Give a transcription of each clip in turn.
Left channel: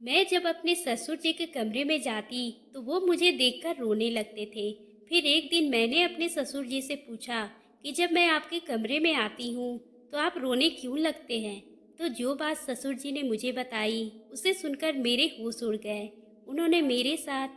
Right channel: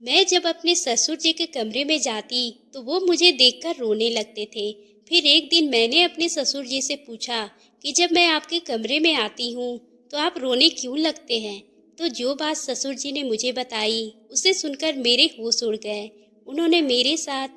मैं जब अपने ससुर जी के कमरे में जाती तो वो मुझे देखकर रोने लगते थे। फिर एक दिन मैंने अपने ससुर जी से पूछा कि जब मैं आपके कमरे में आती हूँ तो आप रोने क्यों लगते हैं। तो जो बात ससुर जी ने मुझे बताई उसे सुनकर मेरे होश उड़ गए। उन्होंने मेरे साथ,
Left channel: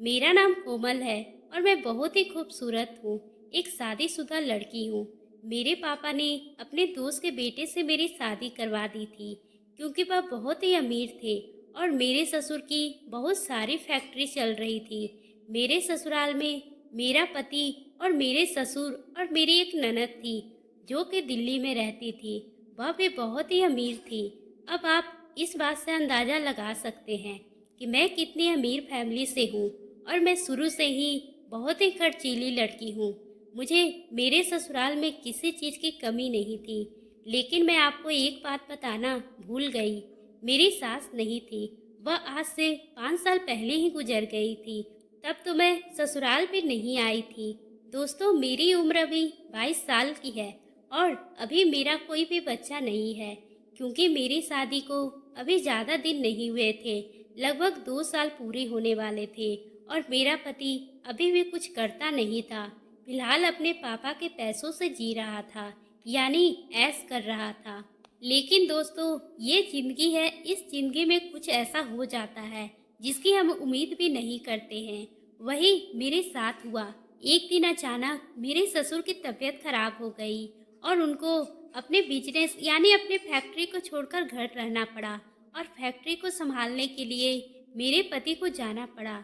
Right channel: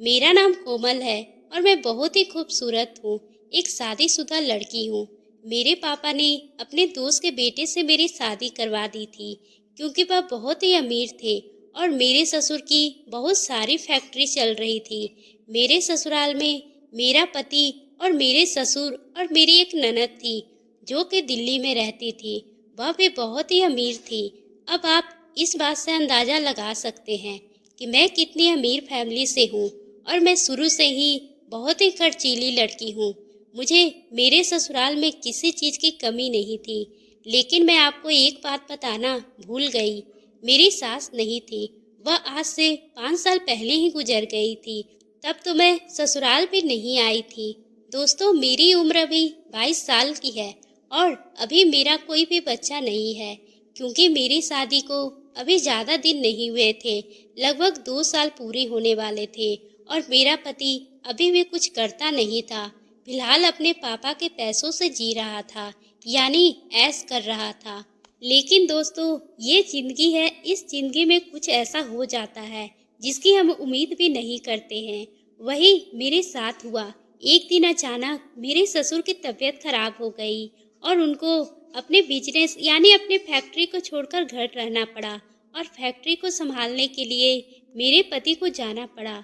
मेरा नाम कोमल है और मैं बहुत ही खूबसूरत हूँ, एक शादीशुदा लड़की हूँ। मेरे पापा ने अपने दोस्त के बेटे से मेरी शादी करवा दी थी क्योंकि वह बहुत ही अमीर थे और मेरे ससुर की बहुत सारी फैक्ट्री चल रही थी। मेरे ससुराल में मेरा पति और मेरे ससुर और मेरी एक ननद थी जो कि दिल्ली में रहती थी। वह भी बहुत ही अमीर थी। अब आप इस बात से अंदाज़ा लगा सकते हैं कि मैं कितनी अमीर फैमिली से हूँ और मैं शुरू से ही बहुत ही खर्चीली लड़की हूँ। मुझे मेरे ससुराल में किसी चीज़ की कमी नहीं थी। लेकिन मैं आपको एक बात बताना भूल गई। मेरी सास नहीं थी, वह आज से 5 साल पहले ही गुजर गई थी। तब तो मैं ससुराल भी नहीं आई थी। दोस्तों, मेरी उम्र अभी 22 साल की है और अभी मेरा कोई भी बच्चा नहीं है क्योंकि मेरी शादी को अभी ज़्यादा दिन नहीं हुए थे। लगभग 2 साल पूरे होने वाले थे और मेरा पति अभी भी कुछ करता नहीं था। फिलहाल अपने पापा के पैसों से जी रहा था, यानी ऐश कर रहा था। लेकिन दोस्तों, ये ज़िंदगी है, इस ज़िंदगी में कुछ ऐसा हो जाता है जिसकी हम उम्मीद भी नहीं करते हैं। वही मेरे साथ हुआ। एक दिन अचानक मेरे ससुर की तबीयत खराब हो गई और उनको अपने बिजनेस यानी अपने फैक्ट्री को छोड़कर घर रहना पड़ा और फैक्ट्री को संभालने के लिए मेरे पति को जाना पड़ा,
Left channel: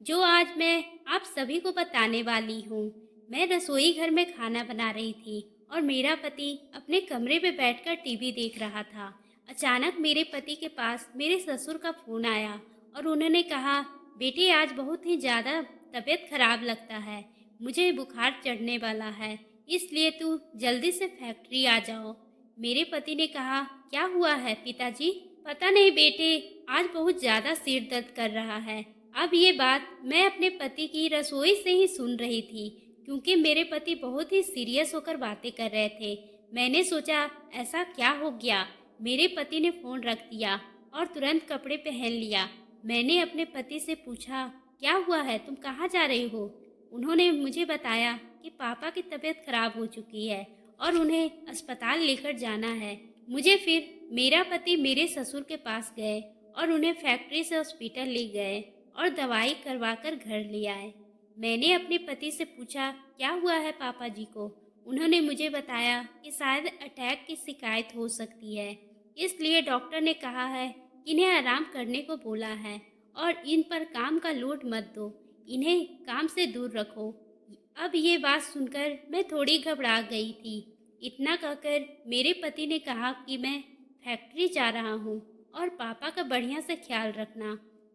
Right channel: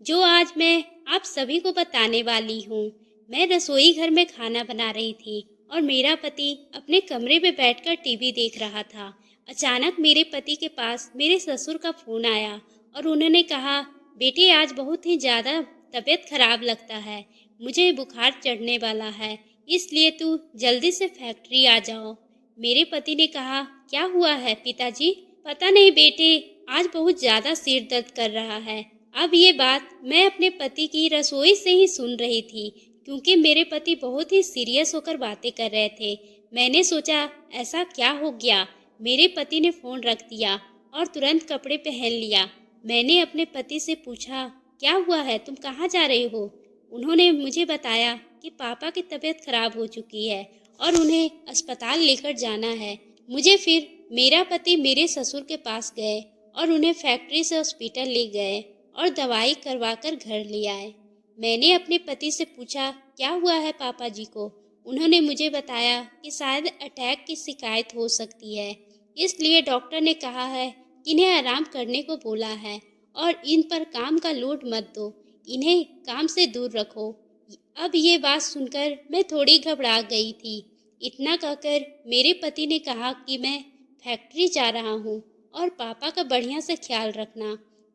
जो आज मैं आप सभी को बताने वाली हूँ। मैं रसोई घर में खाना बना रही थी और मेरा पति अपने कमरे में बैठकर टीवी देख रहा था। अचानक मेरे पति के पास मेरे ससुर का फ़ोन आया और उन्होंने कहा, बेटी आज बहुत ही ज़्यादा तबीयत खराब लगता है, मुझे बुखार चढ़ने वाला है, इसलिए तू जल्दी से फैक्ट्री आ जाओ। मेरे पति ने कहा, क्या हुआ है पिताजी? पता नहीं बेटे, आज बहुत ज़्यादा सिर दर्द कर रहा है। अब ये बात मैं अपने पति की रसोई से ही सुन रही थी क्योंकि मेरे पति बहुत ही सीरियस होकर बातें कर रहे थे। मैंने सोचा ऐसा क्या हो गया। मेरे पति ने फ़ोन रख दिया और तुरंत कपड़े पहन लिया। मैंने अपने पति से पूछा, क्या हुआ है, तुम कहाँ जा रहे हो? उन्होंने मुझे बताया कि पापा की तबीयत खराब हो चुकी है और उन्हें अस्पताल लेकर जाना है। मुझे फिर मेरा पति मेरे ससुर के पास गए और उन्हें फैक्ट्री से हॉस्पिटल ले गए और दवाई करवाकर घर ले आए। मैंने अपने पति से पूछा, क्या हुआ है पापा जी को? उन्होंने मुझे बताया कि शायद अटैक की शिकायत हो सकती है, इसलिए डॉक्टर ने कहा है कि इन्हें आराम करने को बोला है और इन पर काम का लोड मत दो, इन्हें काम से दूर रखो। अब ये बात सुनकर मैं थोड़ी घबरा गई थी। इतना कहकर मेरे पति ने कहा कि मैं फैक्ट्री जा रहा हूँ और पापा का बढ़िया से ख्याल रखना।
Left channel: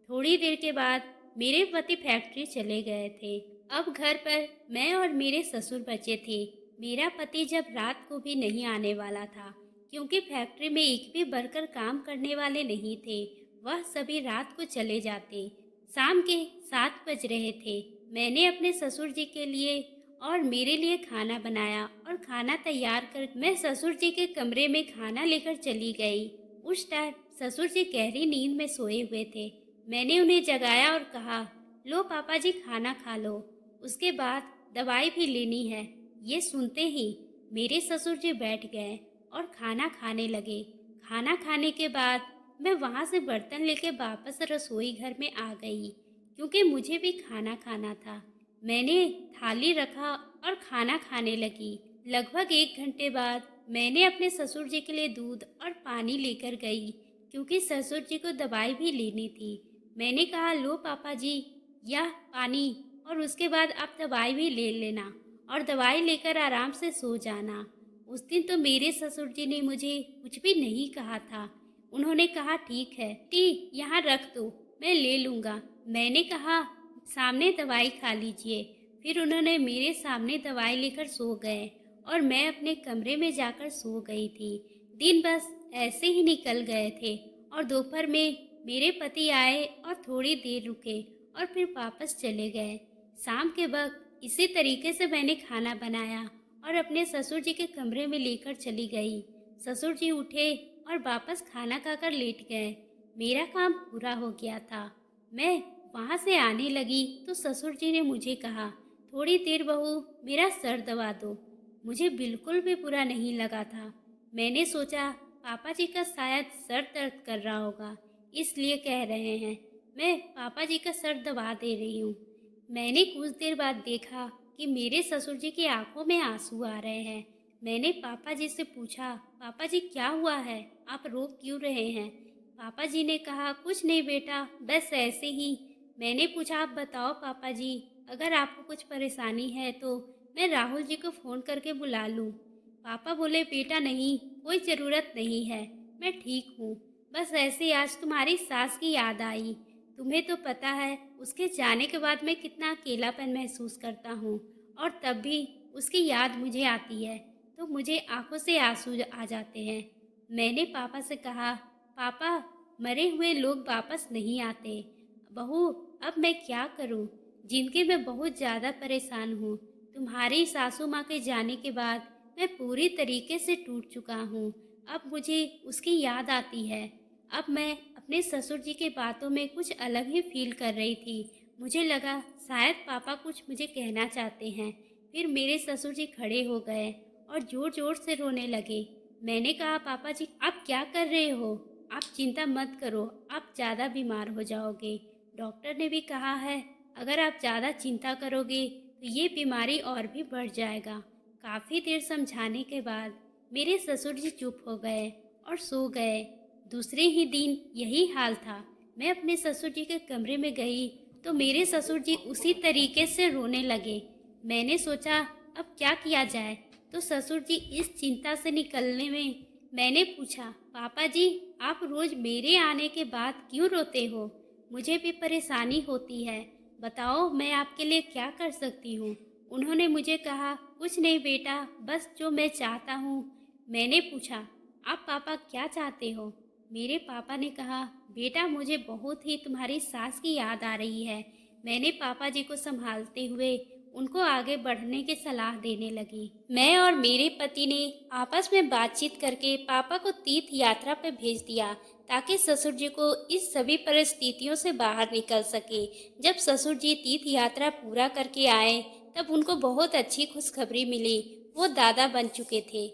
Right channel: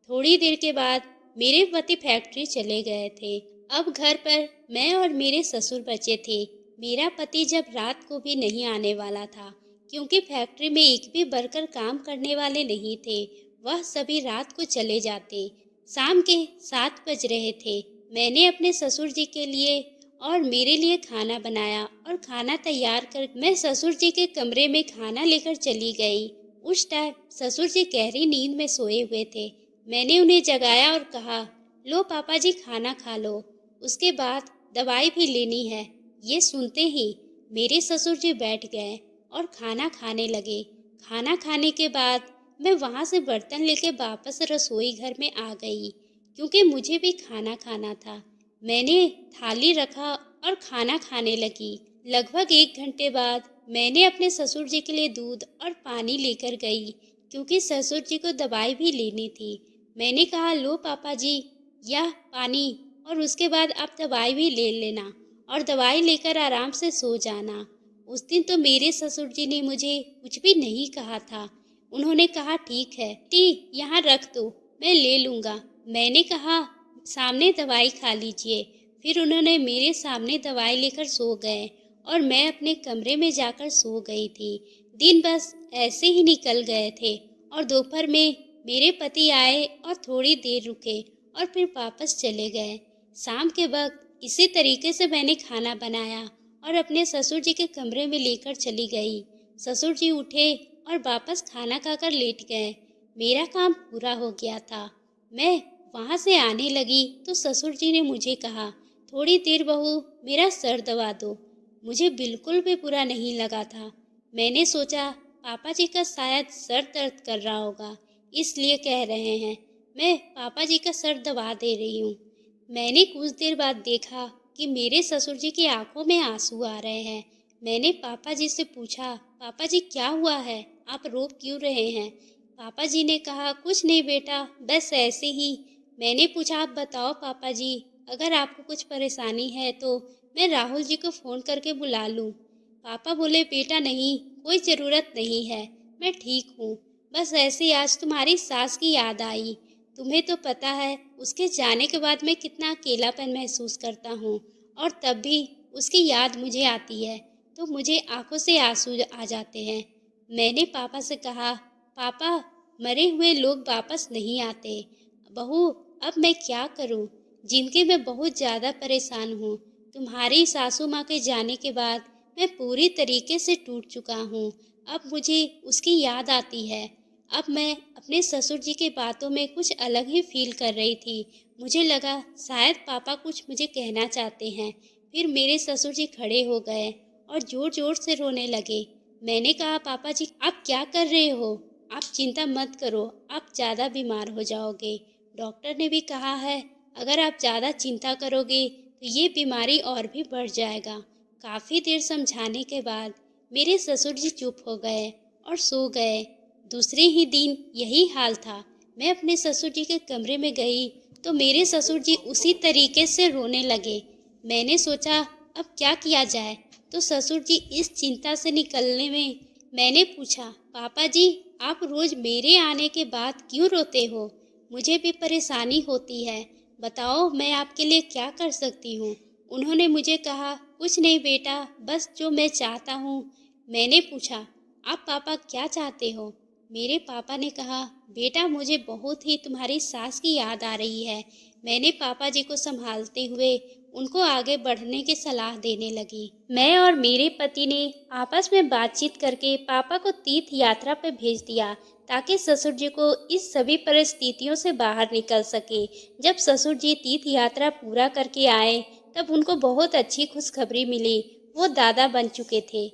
थोड़ी देर के बाद मेरे पति फैक्ट्री चले गए थे। अब घर पर मैं और मेरे ससुर बचे थे। मेरा पति जब रात को भी नहीं आने वाला था क्योंकि फैक्ट्री में एक भी वर्कर काम करने वाले नहीं थे। वह सभी रात को चले जाते। शाम के 7 बज रहे थे। मैंने अपने ससुर जी के लिए और मेरे लिए खाना बनाया और खाना तैयार कर मैं ससुर जी के कमरे में खाना लेकर चली गई। उस टाइम ससुर जी गहरी नींद में सोए हुए थे। मैंने उन्हें जगाया और कहा, लो पापा जी खाना खा लो, उसके बाद दवाई भी लेनी है। ये सुनते ही मेरे ससुर जी बैठ गए और खाना खाने लगे। खाना खाने के बाद मैं वहाँ से बर्तन लेके वापस रसोई घर में आ गई क्योंकि मुझे भी खाना खाना था। मैंने थाली रखा और खाना खाने लगी। लगभग 1 घंटे बाद मैंने अपने ससुर जी के लिए दूध और पानी लेकर गई क्योंकि ससुर जी को दवाई भी लेनी थी। मैंने कहा, लो पापा जी, यह पानी और उसके बाद आप दवाई भी ले लेना और दवाई लेकर आराम से सो जाना। उस दिन तो मेरे ससुर जी ने मुझे कुछ भी नहीं कहा था। उन्होंने कहा, ठीक है टी यहाँ रख दो, मैं ले लूँगा। मैंने कहा, सामने दवाई खा लीजिए। फिर उन्होंने मेरे सामने दवाई लेकर सो गए और मैं अपने कमरे में जाकर सो गई थी। दिन बस ऐसे ही निकल गए थे और दोपहर में मेरे पति आए और थोड़ी देर रुके और फिर वापस चले गए। शाम के वक्त इसी तरीके से मैंने खाना बनाया और अपने ससुर जी के कमरे में लेकर चली गई। ससुर जी उठे और वापस खाना खाकर लेट गए। मेरा काम पूरा हो गया था। मैं वहाँ से आने लगी तो ससुर जी ने मुझे कहा, थोड़ी देर बहू मेरा सर दबा दो। मुझे बिल्कुल भी बुरा नहीं लगा था। मैंने सोचा पापा जी का शायद सर दर्द कर रहा होगा, इसलिए कह रहे हैं। मैं पापा जी का सर दबा दे रही हूँ। मैंने कुछ देर बाद देखा कि मेरे ससुर जी की आंखों में आंसू आ रहे हैं। मैंने पापा जी से पूछा, पापा जी क्या हुआ है, आप रो क्यों रहे हैं? पापा जी ने कहा, कुछ नहीं बेटा, बस ऐसे ही। मैंने पूछा, आप बताओ पापा जी, अगर आपको कुछ परेशानी है तो मैं राहुल जी को फ़ोन करके बुला लूँ? पापा बोले, बेटा नहीं, कोई ज़रूरत नहीं है, मैं ठीक हूँ। बस ऐसे ही आज तुम्हारी सास की याद आई। तुम्हें तो पता है उसके जाने के बाद मैं कितना अकेलापन महसूस करता हूँ, और तब भी उसकी याद मुझे आती है तो मुझे आंखों से आंसू आ जाते हैं। मैंने पापा से कहा, पापा मरे हुए लोग वापस नहीं आते। बहू अब मैं क्या करूँ, जिनके मैं बहुत ज़्यादा परेशान हूँ। तुम्हारी सासू माँ के जाने के बाद मैं पूरी तरीके से टूट चुका हूँ। अब मुझे उसकी याद आती है। अब मैं अपने ससुर जी की बातों में कुछ अलग ही फील कर रही थी। मुझे लगा शायद पापा कुछ मुझे कहना चाहते हैं। फिर मेरे ससुर जी खड़े हो गए और ज़ोर ज़ोर से रोने लगे। मैंने कहा, पापा जी आप क्या कर रहे हो? आप चिंता मत करो, आप ज़्यादा बीमार हो जाओगे। डॉक्टर ने भी कहा है अगर आप ज़्यादा चिंता करोगे तो ये बीमारी और भी बढ़ जाएगा। काफ़ी देर समझाने के बाद मेरे ससुर जी चुप हो गए और सो गए। दूसरे ही दिन यही हाल था। मैं अपने ससुर जी के कमरे में गई तो मेरे ससुर जी उसी तरीके से रोने लगे। मैंने सोचा अब क्या किया जाए, तो ससुर जी इस चिंता से निकलने में मैंने पूछा, पापा जी आप रोज़ मेरे आने के बाद क्यों रोते हो? मुझे भी परेशानी होती है, बताओ मैं आपके लिए क्या कर सकती हूँ? उन्होंने मुझे कहा, कुछ नहीं बेटा, बस जो मैं चाहता हूँ। मैंने पूछा, आप पापा क्या चाहते हो? मेरे पापा ने कहा, बेटा मुझे बहुत ही तुम्हारी सास की याद आ रही है। मैंने पापा जी को संभालते हुए उनको आगे बढ़ने की सलाह देने लगी। मैं और मेरे पति ने आपस में बातचीत करके पापा को तीर्थ यात्रा पर भेज दिया ताकि ससुर जी को इस सभी परिस्थितियों से बाहर निकल सके। जब ससुर जी तीर्थ यात्रा पूरा करके आए तब उनको बहुत अच्छी खुशखबरी मिली। वो दादा बन चुके थे।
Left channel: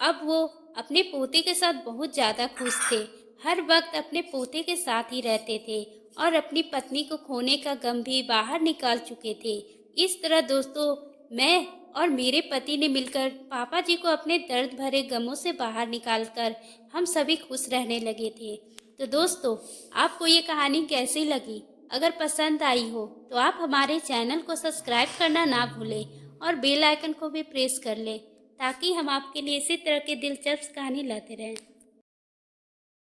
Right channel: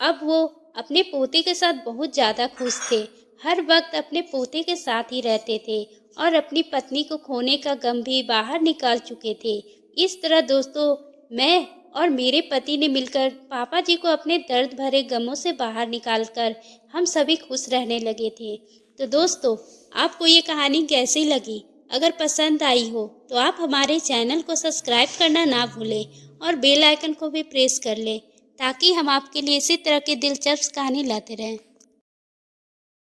अब वो अपने पोते के साथ बहुत ज़्यादा खुश थे। हर वक्त अपने पोते के साथ ही रहते थे और अपनी पत्नी को खोने का गम भी बाहर निकाल चुके थे। इस तरह दोस्तों, मैं और मेरे पति ने मिलकर पापा जी को अपने दर्द भरे गमों से बाहर निकालकर हम सभी खुश रहने लगे थे। तो दोस्तों, आपको ये कहानी कैसी लगी? अगर पसंद आई हो तो आप हमारे चैनल को सब्सक्राइब करना ना भूलें और बेल आइकन को भी प्रेस कर लें ताकि हम आपके लिए इसी तरह की दिलचस्प कहानी लाते रहें।